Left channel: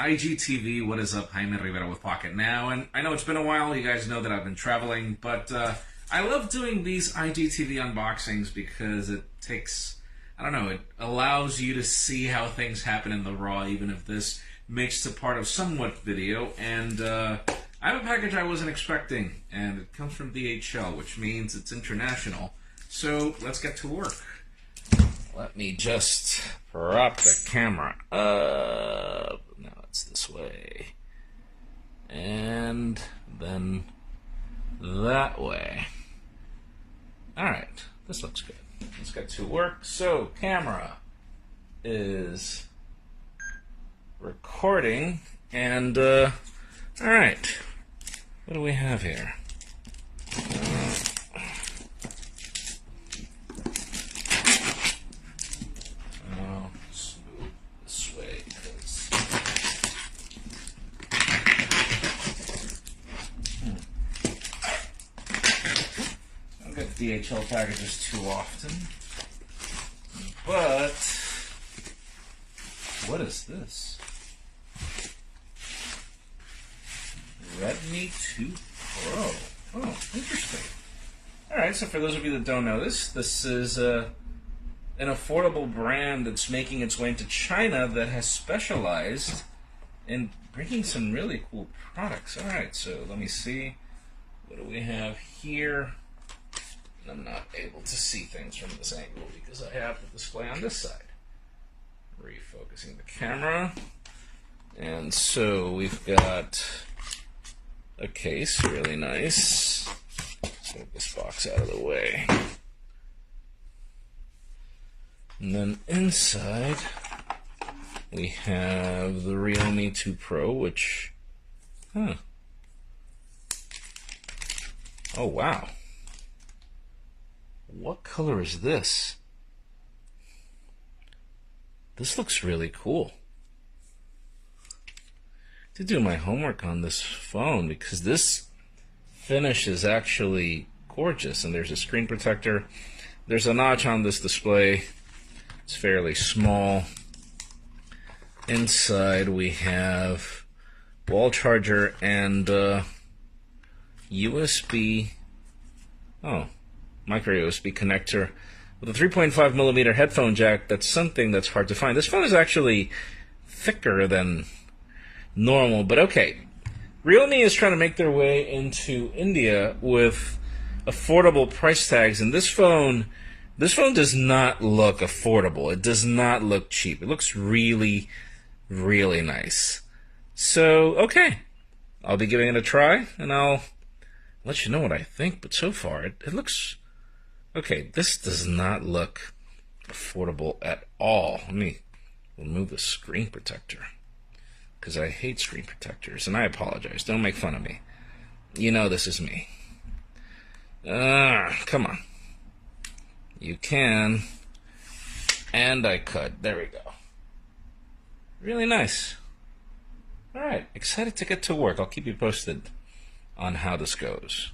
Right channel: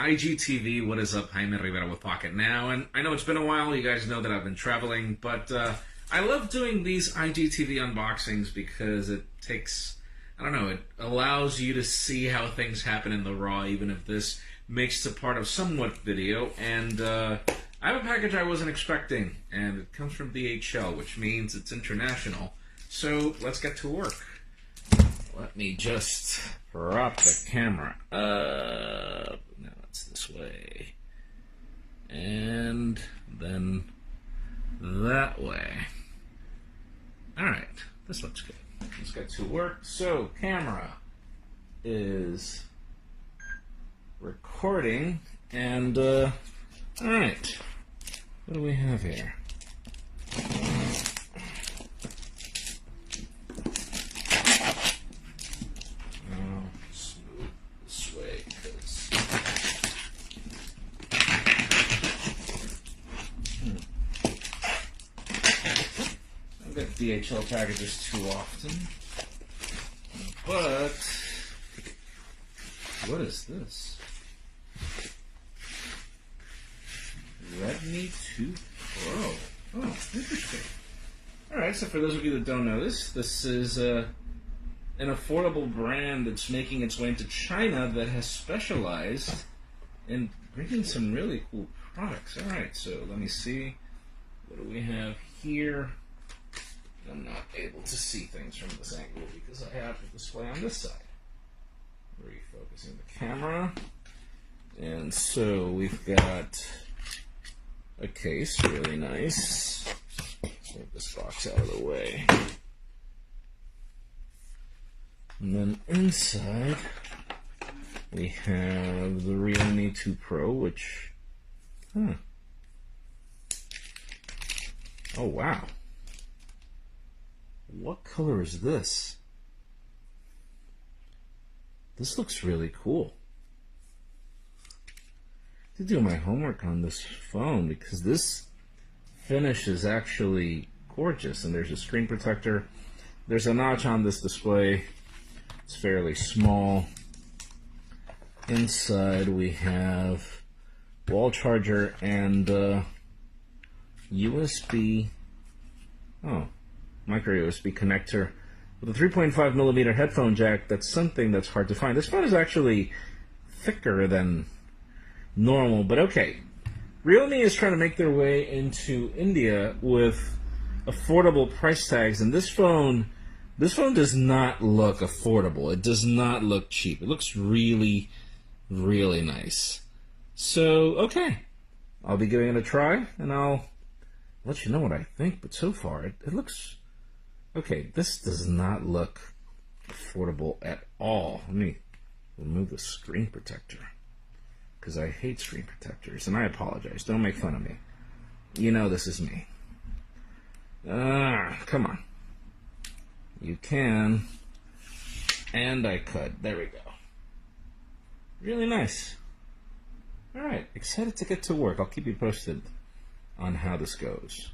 IGTV, what is up? Jaime Rivera with Pocket Now, and I know it's been a while, you guys know that I've been traveling, but I love doing these IGTV unboxings because it takes, I don't know, it allows you to see how things happen in the raw, even if this makes it part of somewhat video, and I have a package I wasn't expecting, and it comes from DHL, which means it's international, so let's get to work. Let me just prop the camera up. Now it's this way. And then that way. Alright, this looks good. Let's get to work. So, camera is recording. And, alright. What do we have here? DHL packages too often, but what is this? Realme 2 Pro. Oh, interesting. Alright, so for those of you that don't know this is an affordable brand that's making its way into China that has specialized in bringing some really cool products. Alright, so let me see. What do we have here? I'm not able to see things from this angle because I have the display on this side. Refocusing the camera. And so we've got a case, really nice. Let's move this box out of the way. And then inside we have the Realme 2 Pro, which, oh wow. What color is this? This looks really cool. I did do my homework on this phone because this finish is actually gorgeous. And there's a screen protector. There's a notch on this display. It's fairly small. Inside we have wall charger and USB. Oh. Micro USB connector with a 3.5 millimeter headphone jack. That's something that's hard to find. This phone is actually thicker than normal, but okay. Realme is trying to make their way into India with affordable price tags, and this phone does not look affordable. It does not look cheap. It looks really, really nice. So, okay. I'll be giving it a try, and I'll let you know what I think, but so far it looks... Okay, this does not look affordable at all. Let me remove the screen protector because I hate screen protectors, and I apologize. Don't make fun of me. You know this is me. Come on. You can. And I could. There we go. Really nice. All right, excited to get to work. I'll keep you posted on how this goes.